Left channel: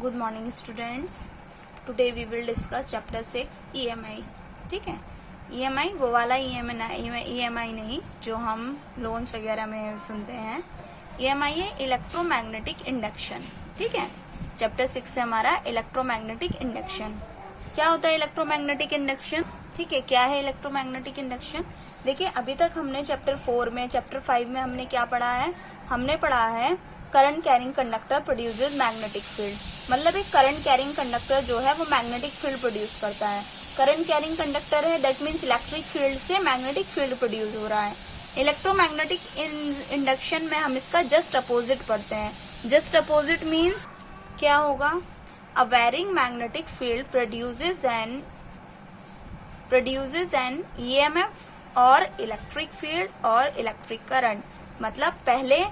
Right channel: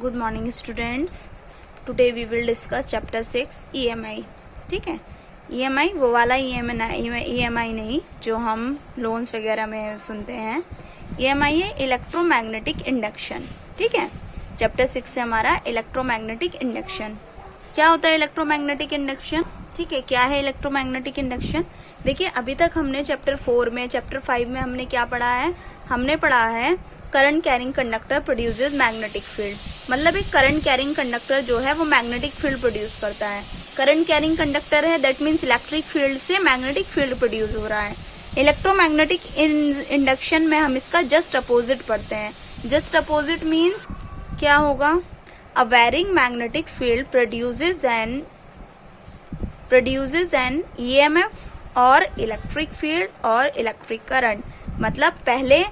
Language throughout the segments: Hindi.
Good morning students. Today we will discuss chapter 6 EMI. ठीक है, ईएमआई वो वाला ईएमआई नहीं जो हम लोन्स वगैरह में सुनते हैं। ईएमआई है इलेक्ट्रोमैग्नेटिक इंडक्शन। ठीक है, चैप्टर 6 से हमारा इलेक्ट्रोमैग्नेटिक इंडक्शन। क्या होता है इलेक्ट्रोमैग्नेटिक इंडक्शन? ठीक है, क्या है इलेक्ट्रोमैग्नेटिक इंडक्शन? देखिए, अभी तक हमने चैप्टर 4 में, चैप्टर 5 में हमने क्या पढ़ा है? हमने पढ़ा है current carrying conductor produces magnetic field. मतलब एक करंट कैरिंग कंडक्टर जो है वो मैग्नेटिक फील्ड प्रोड्यूस करता है। करंट कैरिंग कंडक्टर है, दैट मीन्स इलेक्ट्रिक फील्ड से मैग्नेटिक फील्ड प्रोड्यूस हो रहा है। इलेक्ट्रोमैग्नेटिक इंडक्शन में हम इसका जस्ट अपोजिट पढ़ते हैं। जस्ट अपोजिट मीन्स क्या होगा? A varying magnetic field produces an EMF और इलेक्ट्रिक फील्ड और इलेक्ट्रिक करंट। मतलब पहले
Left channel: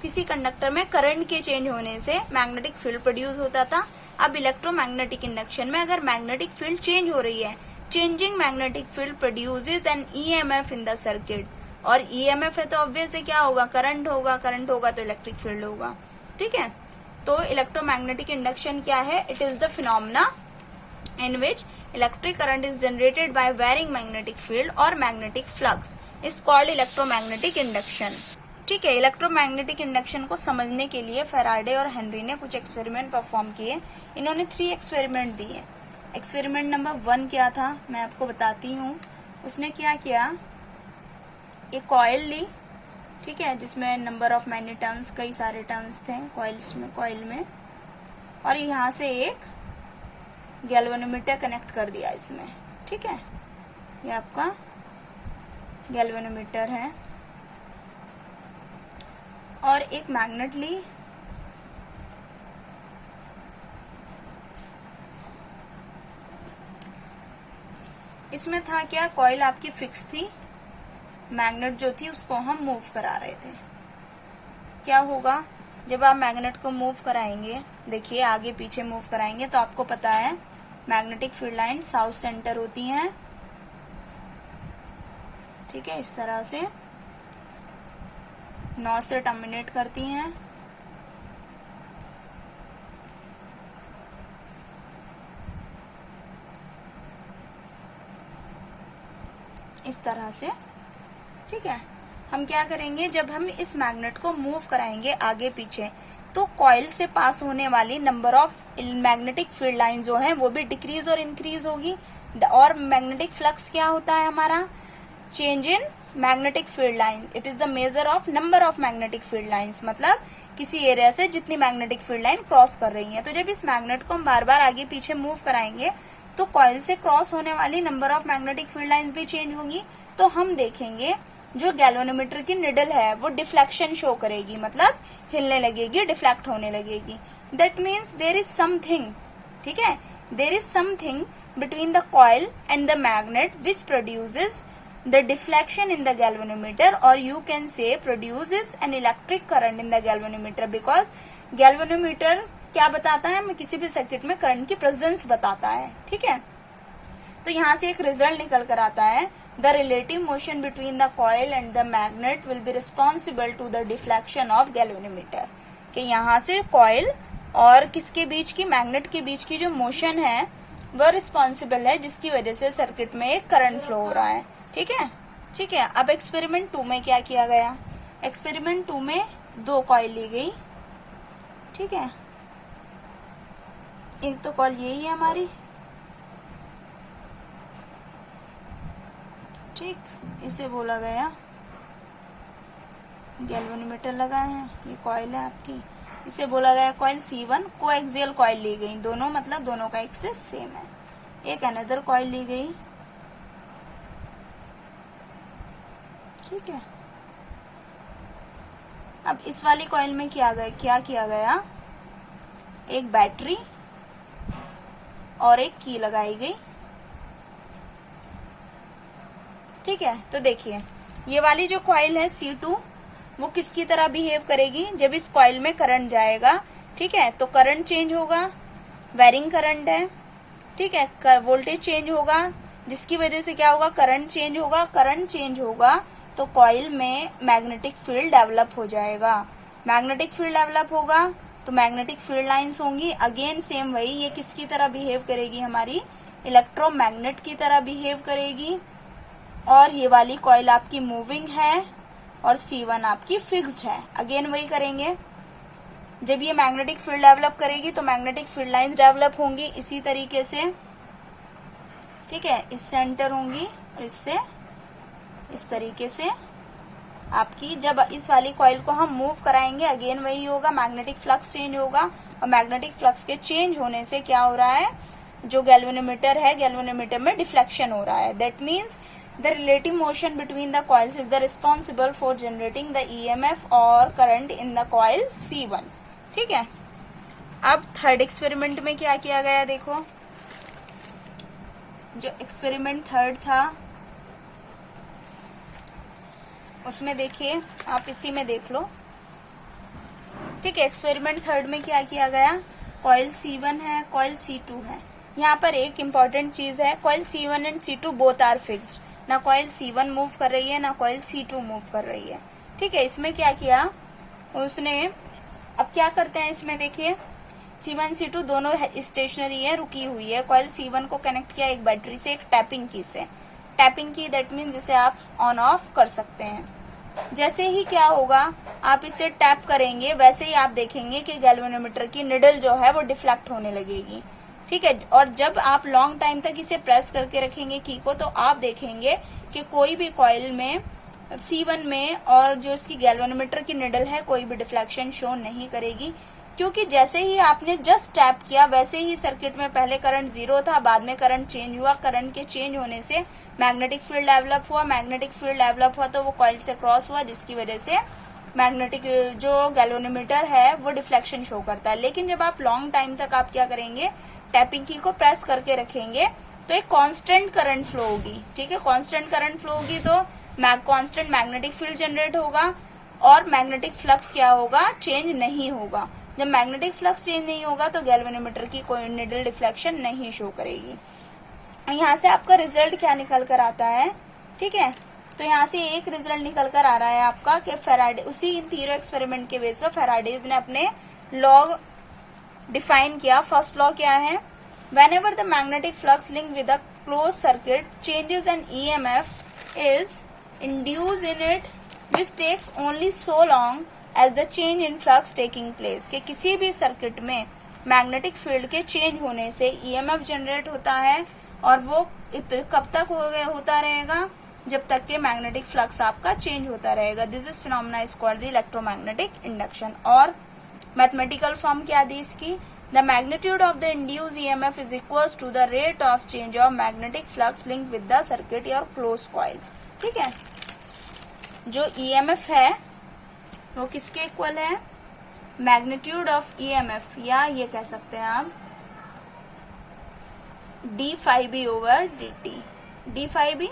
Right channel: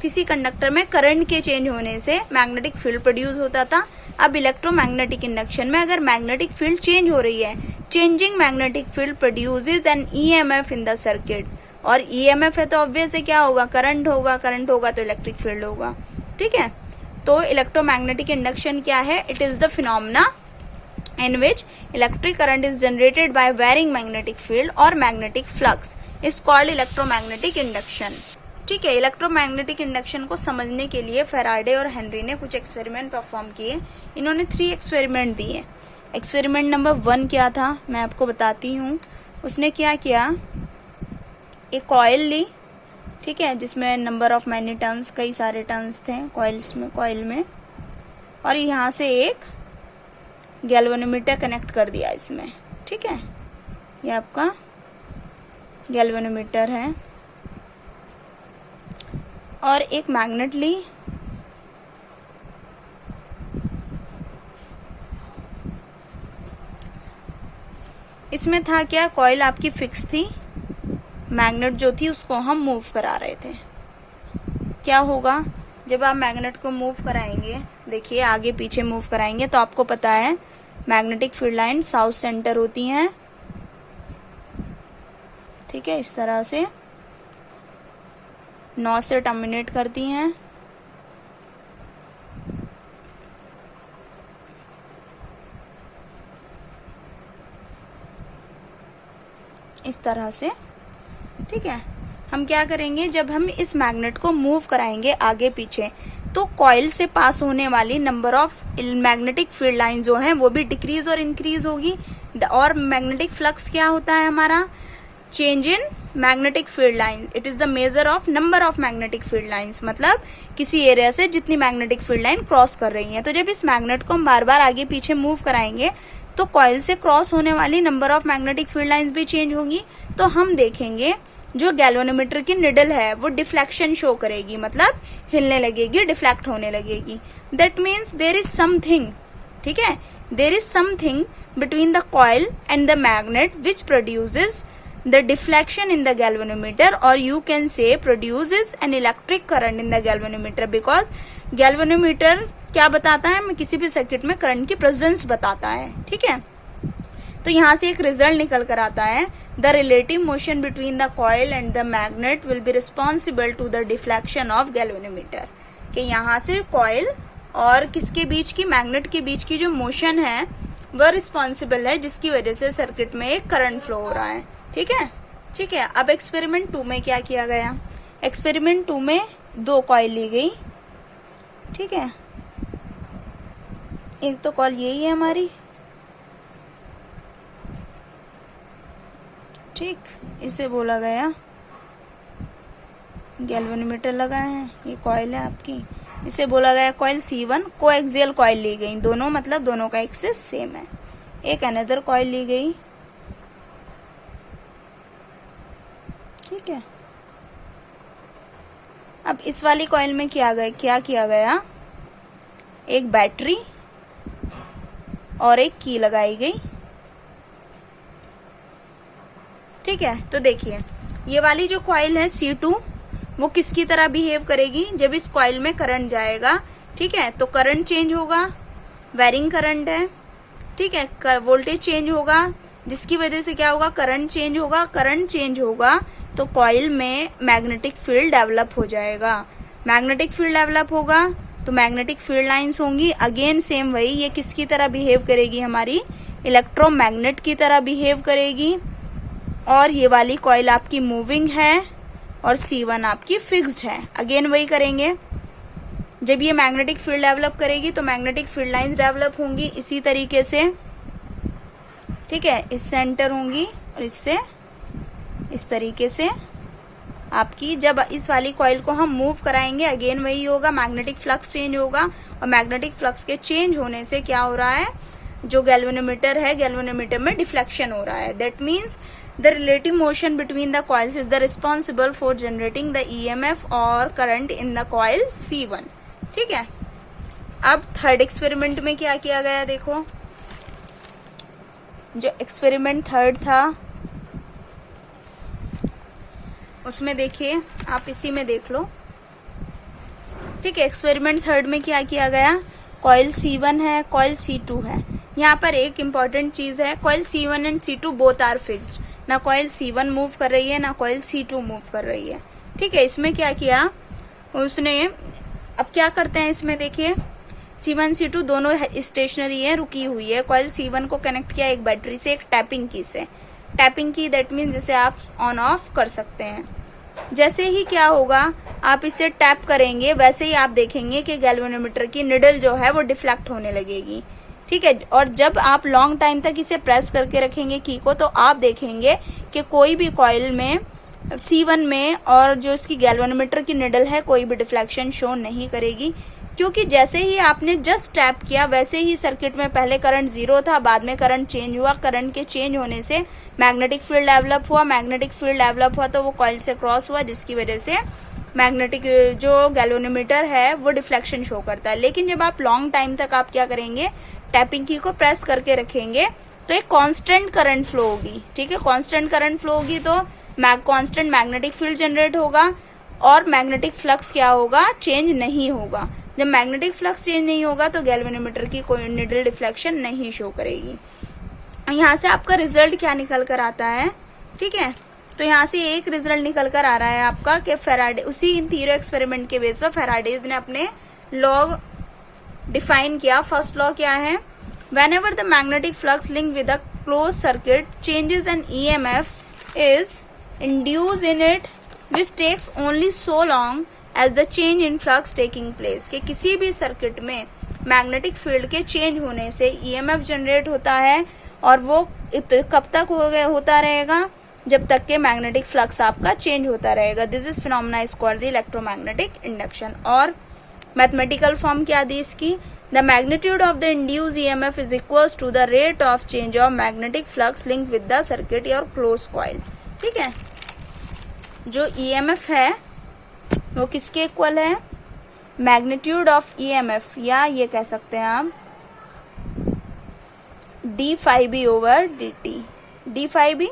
किसी कंडक्टर में करंट के चेंज होने से मैग्नेटिक फील्ड प्रोड्यूस होता था। अब इलेक्ट्रोमैग्नेटिक इंडक्शन में अगर मैग्नेटिक फील्ड चेंज हो रही है, changing magnetic field produces N EMF in the circuit. और EMF है तो ऑब्वियस है क्या होगा? करंट होगा, करंट होगा तो इलेक्ट्रिक फील्ड होगा। ठीक है, तो इलेक्ट्रोमैग्नेटिक इंडक्शन क्या है? It is the phenomena in which electric current is generated by varying magnetic field or magnetic flux is called electromagnetic induction। ठीक है, इलेक्ट्रोमैग्नेटिक इंडक्शन को समझने के लिए फैराडे और हेनरी ने कुछ एक्सपेरिमेंट परफॉर्म किए। इन्होंने 3 एक्सपेरिमेंट दिए। एक्सपेरिमेंट नंबर 1 क्या था मैं आपको बताती हूँ। उसने क्या किया, एक कॉइल ली, ठीक है, जिसमें नंबर ऑफ मैनी टर्न्स, कई सारे टर्न्स थे कॉइल में, और यहाँ से एक गैल्वेनोमीटर कनेक्ट कर दिया इसमें। ठीक है, ये आपका गैल्वेनोमीटर है। और एक मैग्नेट ली, इसमें था क्या? कॉइल आपकी फिक्स थी, मैग्नेट जो थी उसको हम मूव करा रहे थे। क्या होगा जब आप मैग्नेट को मूव कराएंगे? देखिए, आगे पीछे मूव कराएंगे तो आपको पता है magnetic field line south centre होती हैं। ठीक है, इस तरह से नॉर्थ से टर्मिनेट करती हैं। इस तरह से। ठीक है, हम क्या करेंगे, जब हम इस मैग्नेट को मूव कराएंगे आगे पीछे तो कॉइल से पास होने वाली number of magnetic field line जो है वो भी डिक्रीज और इंक्रीज होगी। और मैग्नेटिक फ्लक्स क्या होता है हमारा? Change in magnetic field line. It is the measure of number of magnetic field lines. मतलब किसी एरिया से जितनी मैग्नेटिक फील्ड लाइन क्रॉस कर रही है। तो जब इस मैग्नेट को हम बार बार आगे पीछे मूव कराएंगे तो कॉइल से क्रॉस होने वाली number of magnetic field lines भी चेंज होगी। तो हम देखेंगे जो गैल्वेनोमीटर की निडल है वो डिफ्लेक्शन शो करेगी, मतलब हिलने लगेगी, डिफ्लेक्ट होने लगेगी। That means there is something, ठीक है, there is something between the coil and the magnet which produces the deflection in the galvanometer, और you can say produces an electric current in the galvanometer. Because galvanometer क्या बताता है? किसी भी सर्किट में करंट की प्रेजेंस बताता है। ठीक है, तो यहाँ से एक रिजल्ट निकल कर आता है, the relative motion between the coil and the magnet will be responsible to the deflection of galvanometer. कि यहाँ से कॉइल और किसके बीच की, मैग्नेट के बीच की जो मोशन है वह रिस्पॉन्सिबल है, जिसकी वजह से सर्किट में एक करंट फ्लो हो रहा है। ठीक है, ठीक है। अब एक्सपेरिमेंट 2 में क्या किया गया? एक्सपेरिमेंट 2 में 2 कॉइल ली गई। ठीक है, एक तो कॉइल यही है हमारी, ठीक, इसे बोला गया गैल्वेनोमीटर लगा है, ये कॉइल है आपकी, इसे बोला गया कॉइल C1। कोएक्सियल कॉइल ली गई, दोनों मतलब दोनों का एक्सिस सेम है। एक अनदर कॉइल ली गई। ठीक है, अब इस वाली कॉइल में क्या किया गया? एक बैटरी और एक की लगाई गई। ठीक है, तो देखिए, ये वाली जो कॉइल है C2 वो किसकी तरह बिहेव करेगी? जब इस कॉइल में करंट जाएगा, ठीक है, तो करंट चेंज होगा, वेरिंग करंट है। ठीक है, वोल्टेज चेंज होगा, जिसकी वजह से क्या होगा? करंट चेंज होगा। करंट चेंज होगा तो कॉइल में मैग्नेटिक फील्ड डेवलप हो जाएगा। मैग्नेटिक फील्ड डेवलप होगा तो मैग्नेटिक फील्ड लाइंस होंगी। अगेन सेम वही, ये किसकी तरह बिहेव करेगी, हमारी इलेक्ट्रोमैग्नेट की तरह बिहेव करेगी। और ये वाली कॉइल आपकी मूविंग है और C1 आपकी फिक्स्ड है। अगेन वही करेंगे, जब ये मैग्नेटिक फील्ड डेवलप करेगी तो मैग्नेटिक फील्ड लाइंस डेवलप होंगी इसी तरीके से, ठीक है। इस सेंटर होंगी और इससे इस तरीके से आपकी। जब इस वाली कॉइल को हम मूव कराएंगे अगेन वही होगा, मैग्नेटिक फ्लक्स चेंज होगा। और मैग्नेटिक फ्लक्स के चेंज होने से क्या हो रहा है, जो गैल्वेनोमीटर है, गैल्वेनोमीटर में डिफ्लेक्शन हो रहा है। That means the relative motion between the coils is the responsible for generating the EMF और current in the coil C1, ठीक है। अब थर्ड एक्सपेरिमेंट में क्या किया गया, देखो जो एक्सपेरिमेंट थर्ड था उसमें देखिए, आप इसी में देख लो, ठीक है। एक्सपेरिमेंट थर्ड में क्या किया गया, कॉइल C1 है, कॉइल C2 है। यहाँ पर एक इम्पॉर्टेंट चीज है, coil C1 and C2 both are fixed. ना कॉइल C1 मूव कर रही है ना कॉइल C2 मूव कर रही है, ठीक है। इसमें क्या किया उसने, अब क्या करते हैं इसमें देखिए, C1 C2 दोनों स्टेशनरी है, रुकी हुई है। कॉइल C1 को कनेक्ट किया एक बैटरी से, एक टैपिंग की से। टैपिंग की दैट मीन्स जिसे आप ऑन ऑफ कर सकते हैं। जैसे ही क्या होगा, आप इसे टैप करेंगे वैसे ही आप देखेंगे कि गैल्वेनोमीटर की निडल जो है वो डिफ्लेक्ट होने लगेगी, ठीक है। और जब आप लॉन्ग टाइम तक इसे प्रेस करके रखेंगे की को, तो आप देखेंगे कि कोई भी कॉइल में C1 में और जो इसकी गैल्वेनोमीटर की निडल है कोई भी डिफ्लेक्शन शो नहीं करेगी, क्योंकि जैसे ही आपने जस्ट टैप किया वैसे ही सर्किट में पहले करंट 0 था, बाद में करंट चेंज हुआ। करंट के चेंज होने से मैग्नेटिक फील्ड डेवलप हुआ। मैग्नेटिक फील्ड डेवलप हुआ तो वो कॉइल से क्रॉस हुआ, जिसकी वजह से मैग्नेटिक जो गैल्वेनोमीटर है वो डिफ्लेक्शन शो करता है। लेकिन जब आप लॉन्ग टाइम तक आप क्या करेंगे, टैपिंग की को प्रेस करके रखेंगे तो एक कांस्टेंट करंट फ्लो होगी, ठीक है। कांस्टेंट करंट फ्लो होगी तो कांस्टेंट मैग्नेटिक फील्ड जनरेट होगा और मैग्नेटिक फ्लक्स क्या होगा, चेंज नहीं होगा। जब मैग्नेटिक फ्लक्स चेंज नहीं होगा तो गैल्वेनोमीटर की कोई निडल डिफ्लेक्शन नहीं शो करेगी। यहाँ से आपका रिजल्ट क्या निकल कर आता है, ठीक है। तो यहाँ से एक रिजल्ट निकल कर आ रहा है आपका कि फेराडे, उसी इन तीनों एक्सपेरिमेंट के बेस पर फेराडेज ने अपने लॉ डिफाइन किया। फर्स्ट लॉ क्या है, whenever the magnetic flux linked with a closed circuit changes an EMF is induced in it, which takes only so long as the change in flux taking place। कि किसी भी सर्किट में मैग्नेटिक फील्ड के चेंज होने से EMF जनरेट होता है और वो कब तक होता रहेगा, जब तक के मैग्नेटिक फ्लक्स आपका चेंज होता रहेगा। This is phenomena is called the electromagnetic induction. और मैथमेटिकल फॉर्म क्या दी इसकी, the magnitude of the induced EMF is equals to the rate of change of magnetic flux linked with the circuit or closed coil, ठीक है। जो EMF है वो किसके इक्वल है, मैग्नीट्यूड ऑफ EMF, या ये कह सकते हैं आप d∅b over dt। d∅b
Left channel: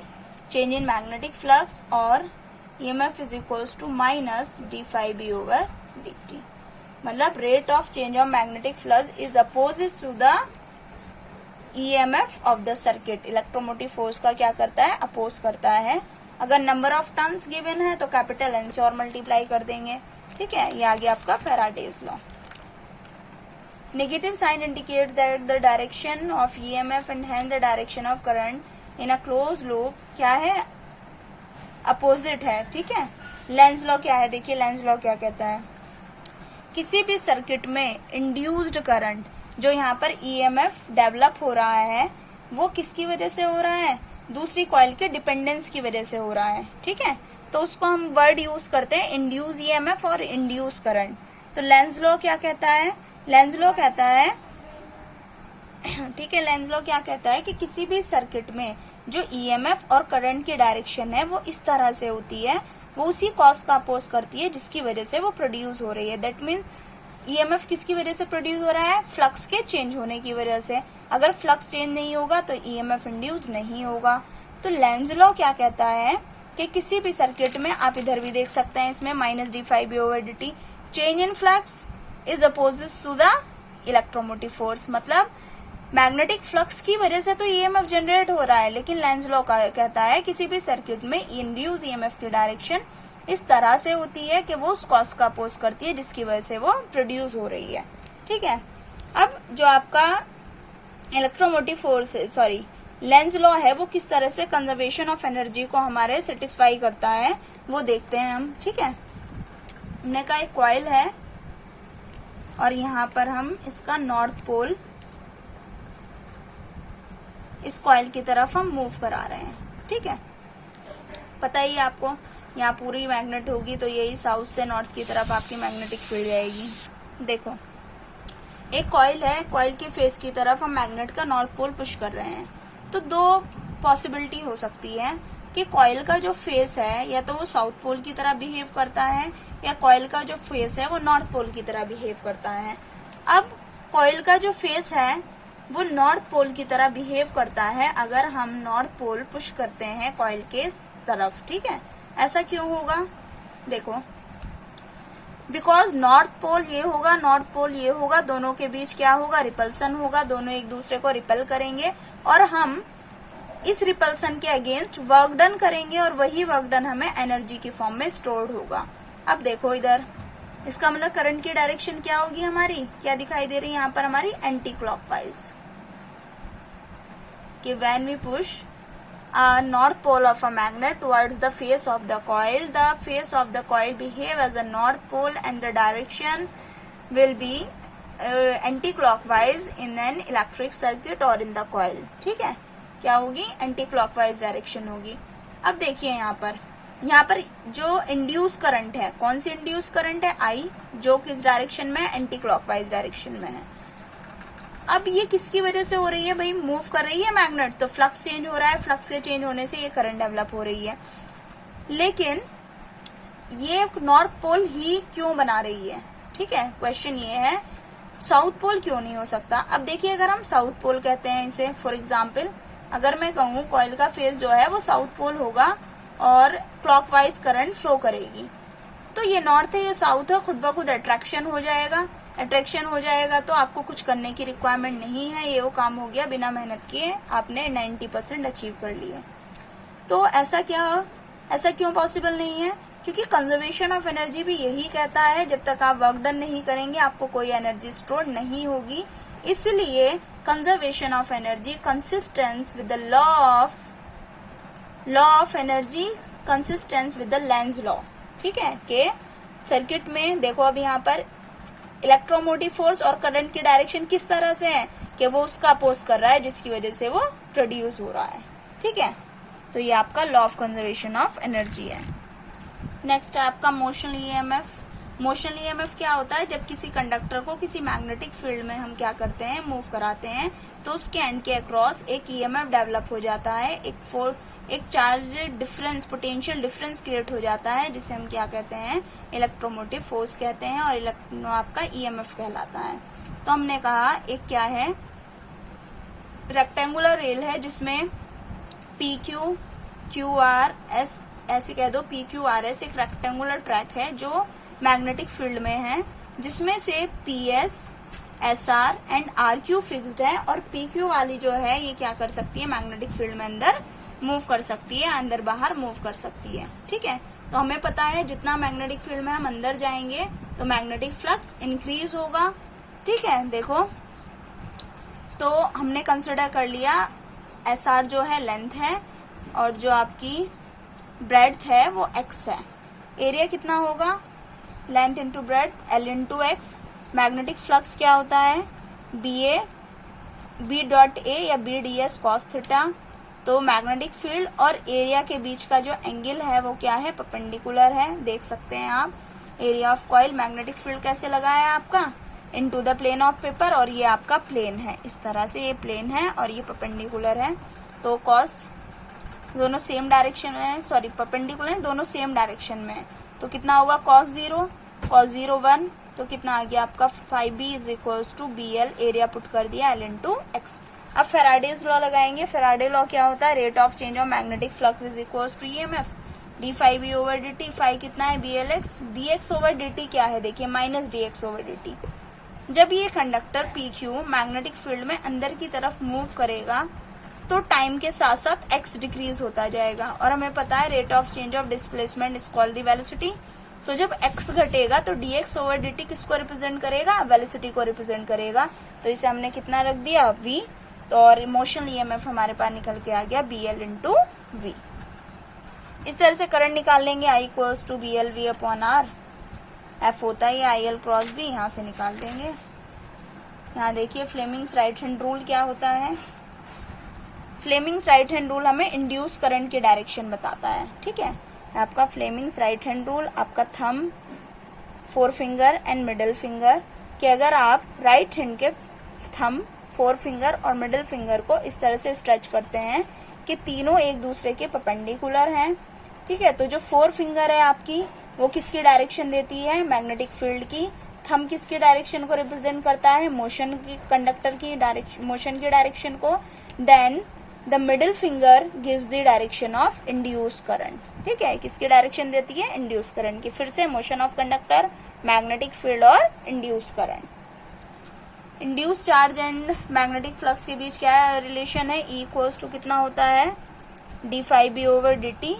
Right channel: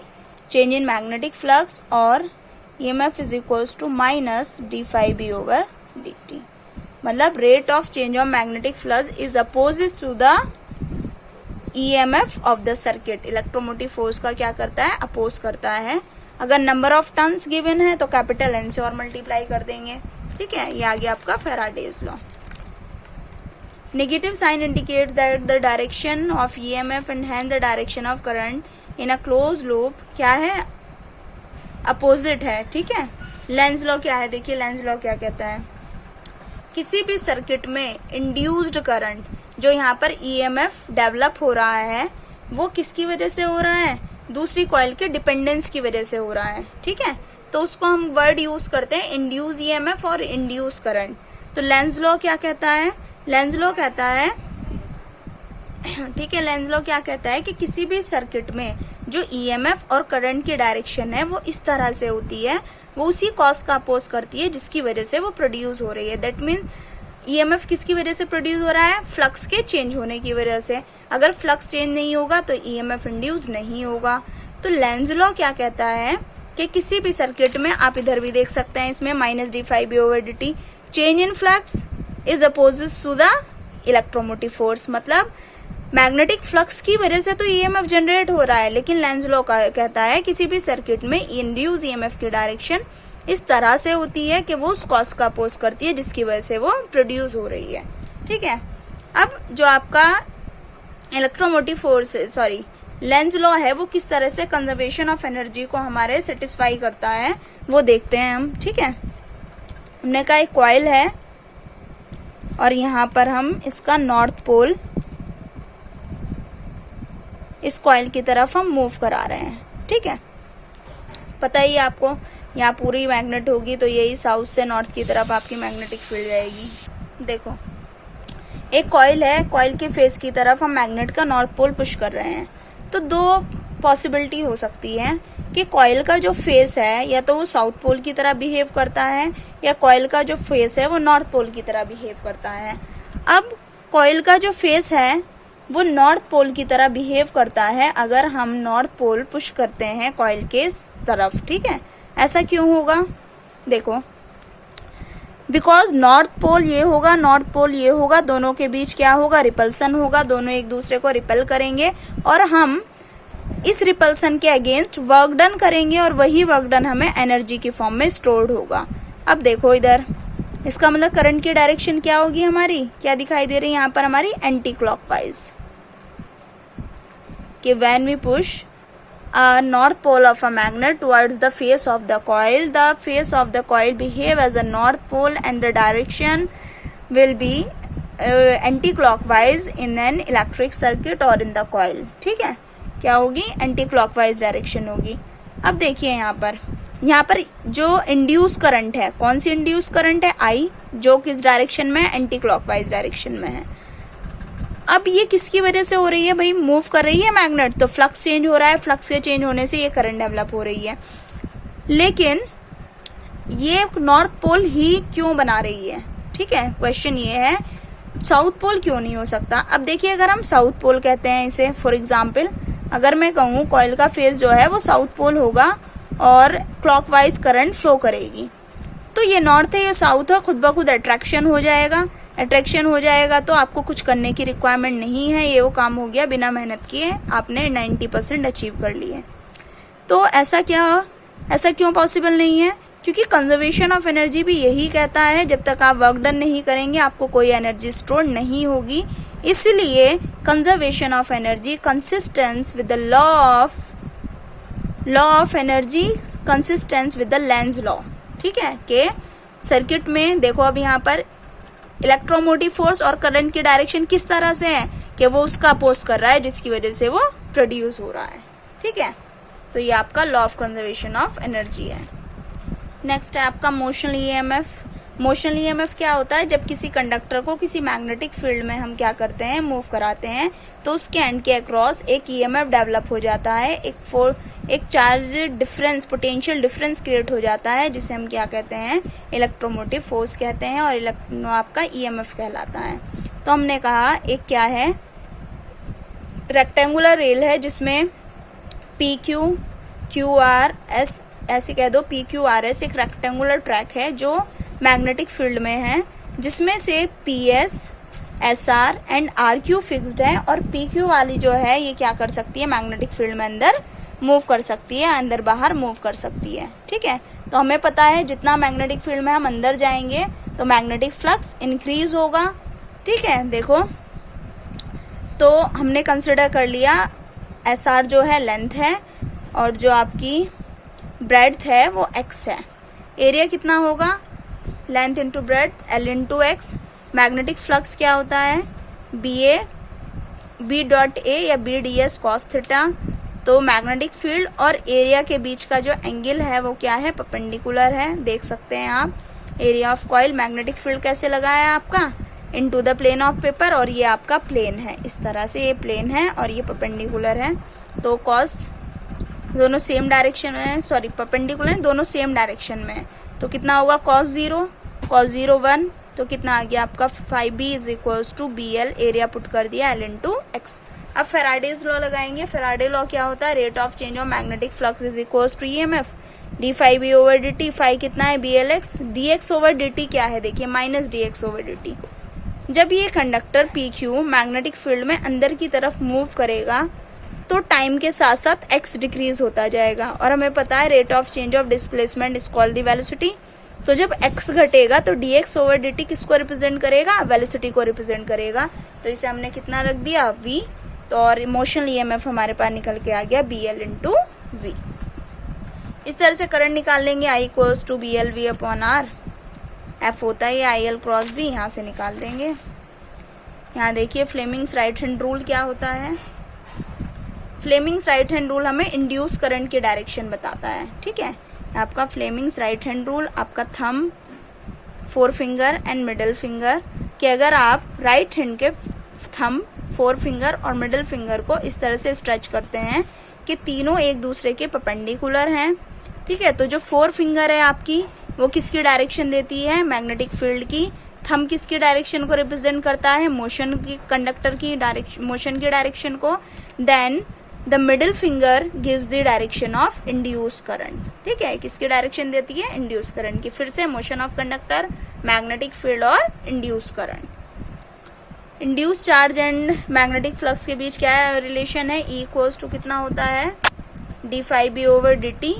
change in magnetic flux और EMF is equals to minus d∅b over dt। मतलब rate of change of magnetic flux is opposite to the EMF of the circuit. Electromotive force का क्या करता है, अपोज करता है। अगर नंबर ऑफ टर्न्स गिवन है तो कैपिटल N से और मल्टीप्लाई कर देंगे, ठीक है। ये आ गया आपका Faraday's law. Negative sign indicate that the direction of EMF and hence the direction of current in a close loop क्या है, अपोजिट है, ठीक है। लेंज लॉ क्या है, देखिए लेंज लॉ क्या कहता है, किसी भी सर्किट में इंड्यूस्ड करंट जो यहाँ पर EMF डेवलप हो रहा है वो किसकी वजह से हो रहा है, दूसरी कॉइल के डिपेंडेंस की वजह से हो रहा है, ठीक है। तो उसको हम वर्ड यूज करते हैं इंड्यूस EMF और इंड्यूस करंट। तो लेंज लॉ क्या कहता है, लेंज लॉ कहता है, ठीक है, लेंज लॉ क्या कहता है कि किसी भी सर्किट में जो EMF और करंट की डायरेक्शन है वो इस तरह से होती है, वो उसी कॉज का अपोज करती है जिसकी वजह से वो प्रोड्यूस हो रही है। दैट मीन्स EMF किसकी वजह से प्रोड्यूस हो रहा है, फ्लक्स के चेंज होने की वजह से। अगर फ्लक्स चेंज नहीं होगा तो EMF इंड्यूस नहीं होगा। तो लेंज लॉ क्या कहता है कि किसी भी सर्किट में, आप इधर भी देख सकते हैं इसमें minus d∅b over dt, change in flux is opposite to the electromotive force. मतलब मैग्नेटिक फ्लक्स की वजह से तो EMF जनरेट हो रहा है, लेकिन लेंज लॉ कहता है किसी भी सर्किट में इंड्यूस EMF की डायरेक्शन इस तरह से होती है कि वो उस कॉज का अपोज करती है जिसकी वजह से वो प्रोड्यूस हो रही है। ठीक है, अब जो आपका इलेक्ट्रोमोटिव फोर्स लेंज लॉ है वो किस तरह से कंजर्वेशन ऑफ एनर्जी को हमारे सेटिस्फाई करता है वो देखते हैं हम। ठीक है, हमने कहा एक कॉइल है और यहाँ पर हम इसका नॉर्थ पोल इस कॉइल की तरफ हम मूव करा रहे हैं। ठीक है, पता ही आपको यहाँ पूरी मैग्नेट होगी तो यही साउथ से नॉर्थ की तरफ आपकी मैग्नेटिक फील्ड जाएगी। देखो एक कॉइल है, कॉइल के फेस की तरफ हम मैग्नेट का नॉर्थ पोल पुश कर रहे हैं। तो दो पॉसिबिलिटी हो सकती है कि कॉइल का जो फेस है या तो वो साउथ पोल की तरह बिहेव करता है या कॉइल का जो फेस है वो नॉर्थ पोल की तरह बिहेव करता है। अब कॉइल का जो फेस है वो नॉर्थ पोल की तरह बिहेव करता है अगर हम नॉर्थ पोल पुश करते हैं कॉइल के तरफ। ठीक है, ऐसा क्यों होगा? देखो बिकॉज नॉर्थ पोल ये होगा, नॉर्थ पोल ये होगा, दोनों के बीच क्या होगा? रिपल्सन होगा, दोनों एक दूसरे को रिपेल करेंगे और हम इस रिपल्सन के अगेंस्ट वर्क डन करेंगे और वही वर्क डन हमें एनर्जी की फॉर्म में स्टोर्ड होगा। अब देखो इधर, इसका मतलब करंट की डायरेक्शन क्या होगी हमारी? क्या दिखाई दे रही है यहाँ पर हमारी? Anti clockwise. कि when we push north pole of a magnet towards the face of the face of the coil behave as a north pole and the direction will be anti-clockwise in an electric circuit or in the coil। ठीक है, क्या होगी? एंटी क्लॉकवाइज डायरेक्शन होगी। अब देखिए यहाँ पर जो इंड्यूस करंट है, कौन सी इंड्यूस करंट है? आई, जो किस डायरेक्शन में? एंटी क्लॉकवाइज डायरेक्शन में है। अब ये किसकी वजह से हो रही है भाई? मूव कर रही है मैग्नेट तो फ्लक्स चेंज हो रहा है, फ्लक्स के चेंज होने से ये करंट डेवलप हो रही है। लेकिन ये नॉर्थ पोल ही क्यों बना रही है? ठीक है, क्वेश्चन ये है साउथ पोल क्यों नहीं हो सकता? अब देखिए अगर हम साउथ पोल कहते हैं इसे, फॉर एग्जाम्पल अगर मैं कहूँ कॉइल का फेस जो है वो साउथ पोल होगा और क्लॉकवाइज करंट फ्लो करेगी, तो ये नॉर्थ है ये साउथ है, खुद ब खुद अट्रैक्शन हो जाएगा। अट्रैक्शन हो जाएगा तो आपको कुछ करने की रिक्वायरमेंट नहीं है, ये वो काम हो गया बिना मेहनत किए आपने 90% अचीव कर लिए। तो ऐसा क्यों पॉसिबल नहीं है? क्योंकि कंजर्वेशन ऑफ एनर्जी भी यही कहता है जब तक आप वर्क डन नहीं करेंगे आपको कोई एनर्जी स्टोर नहीं होगी। इसलिए conservation of energy consistence with the law of energy consistence with the Lenz law. ठीक है, के सर्किट में देखो अब यहाँ पर इलेक्ट्रोमोटिव फोर्स और करंट की डायरेक्शन किस तरह से है कि वो उसका अपोज कर रहा है जिसकी वजह से वो प्रोड्यूस हो रहा है। ठीक है, तो ये आपका law of conservation of energy है। नेक्स्ट है आपका मोशनल ईएमएफ। मोशनल ईएमएफ क्या होता है? जब किसी कंडक्टर को किसी मैग्नेटिक फील्ड में हम क्या करते हैं? मूव कराते हैं तो उसके एंड के अक्रॉस एक ईएमएफ डेवलप हो जाता है, एक charge difference, potential difference create हो जाता है जिसे हम क्या कहते हैं? इलेक्ट्रोमोटिव फोर्स कहते हैं और आपका ईएमएफ कहलाता है। तो हमने कहा एक क्या है? रेक्टेंगुलर रेल है जिसमें पी क्यू आर एस, ऐसे कह दो PQRS एक रेक्टेंगुलर ट्रैक है जो मैग्नेटिक फील्ड में है, जिसमें से PS, SR and RQ fixed है और PQ वाली जो है ये क्या कर सकती है? मैग्नेटिक फील्ड में अंदर मूव कर सकती है, अंदर बाहर मूव कर सकती है। ठीक है, तो हमें पता है जितना मैग्नेटिक फील्ड में हम अंदर जाएंगे तो मैग्नेटिक फ्लक्स इंक्रीज होगा। ठीक है, देखो तो हमने कंसिडर कर लिया SR जो है लेंथ है और जो आपकी ब्रेड्थ है वो x है। एरिया कितना होगा? Length into breadth L into x. Magnetic flux क्या होता है? B डॉट A या BDS cos थीटा। तो मैग्नेटिक फील्ड और एरिया के बीच का जो एंगल है वो क्या है? परपेंडिकुलर है। देख सकते हैं आप area of coil, magnetic field कैसे लगा है आपका? Into the plane of paper, और ये आपका प्लेन है, इस तरह से ये प्लेन है और ये परपेंडिकुलर है। तो कॉस दोनों सेम डायरेक्शन में, सॉरी परपेंडिकुलर दोनों सेम डायरेक्शन में है, तो कितना होगा? cos 0 1, तो कितना आ गया आपका 5B is equals to BL, area put कर दिया L इंटू एक्स। अब फेराडेज लॉ लगाएंगे। फेराडे लॉ क्या होता है? Rate of change of magnetic flux is equals to EMF d∅B over dt। Phi कितना है? BLX। dx ओवर dt क्या है? देखिए माइनस dx ओवर dt। जब ये कंडक्टर PQ मैग्नेटिक फील्ड में अंदर की तरफ मूव करेगा तो टाइम के साथ साथ x डिक्रीज होता जाएगा, और हमें पता है rate of change of displacement is called the velocity. तो जब x घटेगा तो dx ओवर dt किसको रिप्रेजेंट करेगा, वेलोसिटी को रिप्रेजेंट करेगा। तो इसे हमने कितना रख दिया, v, तो और मोशन ईएमएफ हमारे पास निकल के आ गया BL इंटू v। इस तरह से करंट निकाल लेंगे, I equals to BLV upon R, F होता है IL क्रॉस B, यहाँ से निकाल देंगे। यहाँ देखिए फ्लेमिंग्स राइट हैंड रूल क्या होता है। फ्लेमिंग्स राइट हैंड रूल हमें इंड्यूस करंट की डायरेक्शन बताता है, ठीक है। आपका फ्लेमिंग्स राइट हैंड रूल, आपका thumb, four finger and middle finger, कि अगर आप राइट हैंड के थंब, फोर फिंगर और मिडल फिंगर को इस तरह से स्ट्रेच करते हैं कि तीनों एक दूसरे के परपेंडिकुलर हैं, ठीक है। तो जो फोर फिंगर है आपकी, वो किसकी डायरेक्शन देती है, मैग्नेटिक फील्ड की। थंब किसकी डायरेक्शन को रिप्रेजेंट करता है, मोशन की, कंडक्टर की डायरेक्शन, मोशन की डायरेक्शन को। Then the middle finger gives the direction of induce current, ठीक है। किसकी डायरेक्शन देती है, इंड्यूस करंट की। फिर से motion of conductor, magnetic field और induce current. Induce charge and magnetic flux के बीच क्या है रिलेशन है, E इक्वल्स टू कितना होता है, d∅b over dt,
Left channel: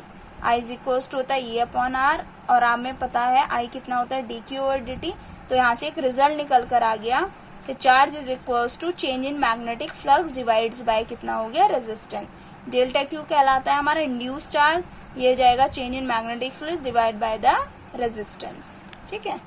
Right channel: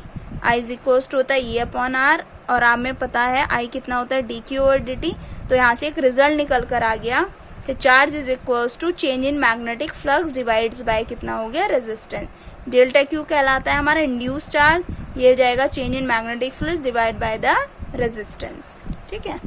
I is equals to होता है E अपॉन R, और आप में पता है I कितना होता है dq ओवर dt। तो यहाँ से एक रिजल्ट निकल कर आ गया, तो charge is equals to change in magnetic flux divides by कितना हो गया, रेजिस्टेंस। डेल्टा क्यू कहलाता है हमारा इंड्यूस चार्ज, ये जाएगा change in magnetic flux divide by the resistance, ठीक है।